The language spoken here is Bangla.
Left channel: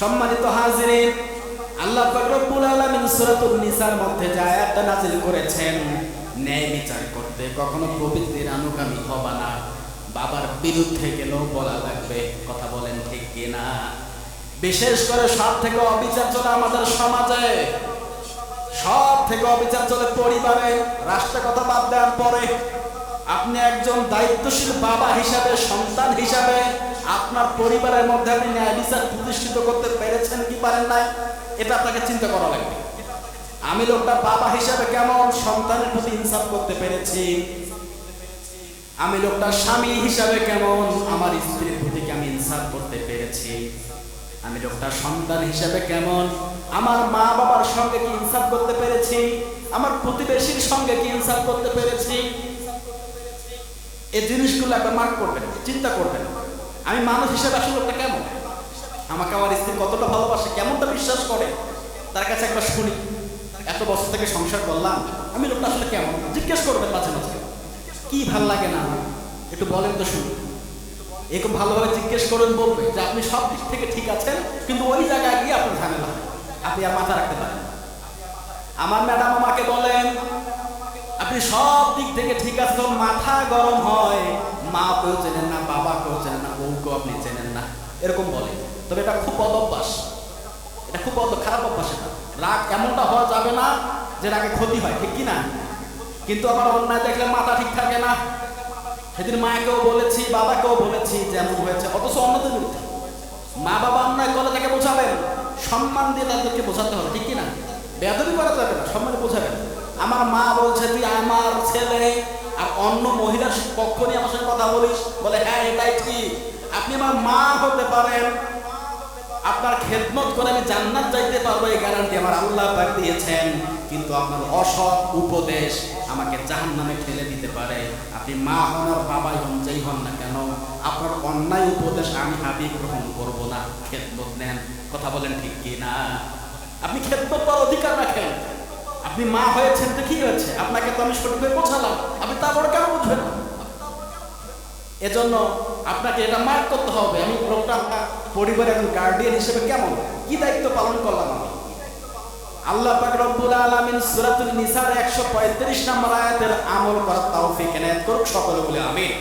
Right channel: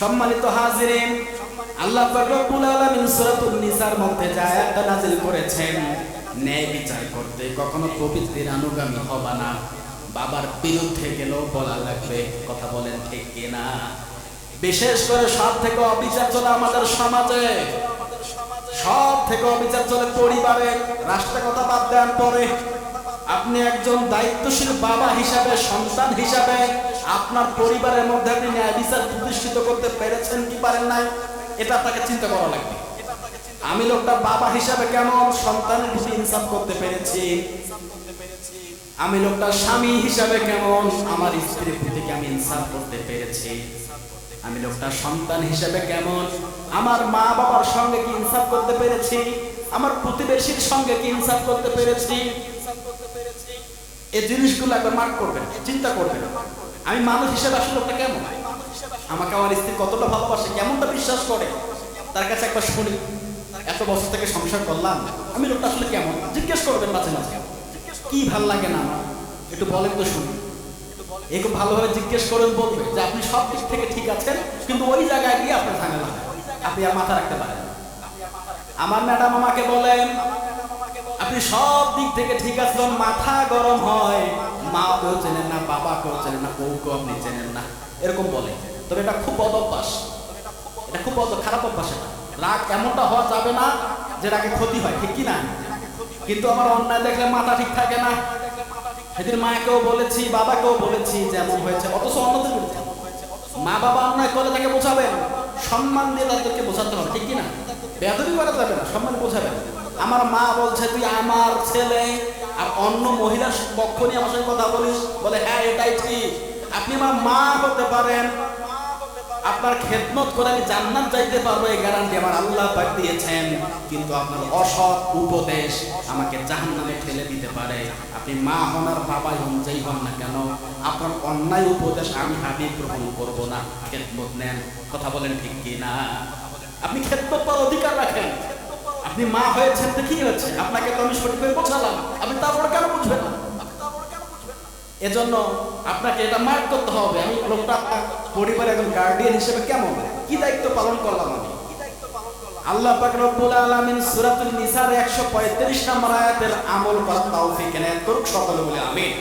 সম্মানিত হাজিরিন, আল্লাহ পাক রব্বুল আলামিন সূরাতুন নিসার মধ্যে যে আয়াতটা নাজিল করেছেন, ন্যায় বিচার করতে কখনো প্রবৃত্তির অনুগামী হবা না, বাবার বিরুদ্ধে গেলেও বলা লাগবে। কথা বলেন ঠিক কিনা? বিশেষ করে সব থেকে অবিচার চলে আমাদের সমাজে, সব থেকে অবিচার চলে পরিবারে। রাষ্ট্রের কথা বাদ দেন পরে। আপনি একজন দায়িত্বশীল বাবা হিসাবে, সন্তান হিসাবে আপনার পরিবারের মধ্যে আপনি ন্যায় বিচার প্রতিষ্ঠিত করতে পেরেছেন কি পারেন নাই, এটা আপনাকে চিন্তা করা লাগবে। আমি লোকটা বাবা হিসাবে কেমন সন্তানের প্রতি ইনসাফ করতে পেরেছি, আমি লোকটা স্বামী হিসাবে কেমন আমার স্ত্রীর প্রতি কি আমি ইনসাফ করতে পেরেছি, আমি লোকটা সন্তান হিসাবে কেমন আমার মা বাবার সঙ্গে কি ইনসাফ করতে পেরেছি, আমার প্রতিবেশীর সঙ্গে কি ইনসাফ করতে পেরেছি। এই জিনিসগুলো একবার মার্ক করবেন, চিন্তা করবেন। আমি মানুষ হিসেবে আসলে লোকটা কেমন, আমাকে আমার স্ত্রী কতটা ভালোবাসে, কেমনটা বিশ্বাস করে, তার কাছে একবার শুনি। এত বছর থেকে সংসার করলাম, আমি লোকটা আসলে কেমন জিজ্ঞেস করবেন মাঝে মাঝে। কি ভাল লাগে না আমার একটু বলেন তো শুনি। এরকম ভালোভাবে জিজ্ঞেস করেন, বলবে যে আপনি সব দিক থেকে ঠিক আছেন, কিন্তু ওই জায়গায় গিয়ে আপনার ঝামেলা হয়, আপনি আর মাথা রাখতে পারেন না। আমার ম্যাডাম আমাকে বলেন আপনি সব দিক থেকে ঠিক আছে, যখন মাথা গরম হয় মা কেউ চেনেন না, বাবা কেউ চেনেন না, বউকেও আপনি চেনেন না, এরকম বলে। তবে এটা খুব বদ অভ্যাস, এটা খুব খারাপ অভ্যাস। এটা রাগ এমনটা হওয়া যাবে না যে রাগে ক্ষতি হয়, ঠিক কি না? কিন্তু আমার অন্যায় দেখলে মাথা ঠিক থাকে না। সেদিন মাকেও বলেছি, বাবাকেও বলেছি যেমন হয়েছে, অথচ অন্যদের বিরুদ্ধে। মা বাবা অন্যায় করলে তাকে বোঝাবেন, সম্মান দিয়ে তাদেরকে বোঝাতে হবে, ঠিক কিনা? বেয়াদবি করা যাবে না, সম্মানে বোঝাবেন। আমার মা বলছে তুই আমার ছেলে আর অন্য মহিলার পক্ষ নিয়ে আমার সঙ্গে কথা বলিস, বলে হ্যাঁ এটাই ঠিক, আপনি আমার মা হতে পারেন, আপনার খেদমত করে আমি জান্নাত যাইতে পারবো এই গ্যারান্টি আমার আল্লাহ পাক দিয়েছেন, কিন্তু আপনার অসৎ উপদেশ আমাকে জাহান্নামে ঠেলে দিতে পারে। আপনি মা হন আর বাবাই হন, যেই হন না কেন, আপনার অন্যায় উপদেশ আমি হাবিব গ্রহণ করব না, খেদমত নেন। কথা বলেন ঠিক কি না? আপনি খেদমত পাওয়ার অধিকার রাখেন। আপনি মা হয়েছেন তো কি হয়েছে, আপনাকে তো আমি সঠিকভাবে বোঝালাম, আপনি তারপরে কেন বুঝবেন না? এজন্য আপনাকে এটা মার্ক করতে হবে, আমি লোকটা পরিবারের একজন গার্ডিয়ান হিসেবে কেমন, কি দায়িত্ব পালন করলাম আমি। আল্লাহ পাক রব্বুল আলামিন সূরাতুল নিসার 135 নম্বর আয়াতের আমল করার তৌফিক এনায়েত করুক সকলে বলে আমিন।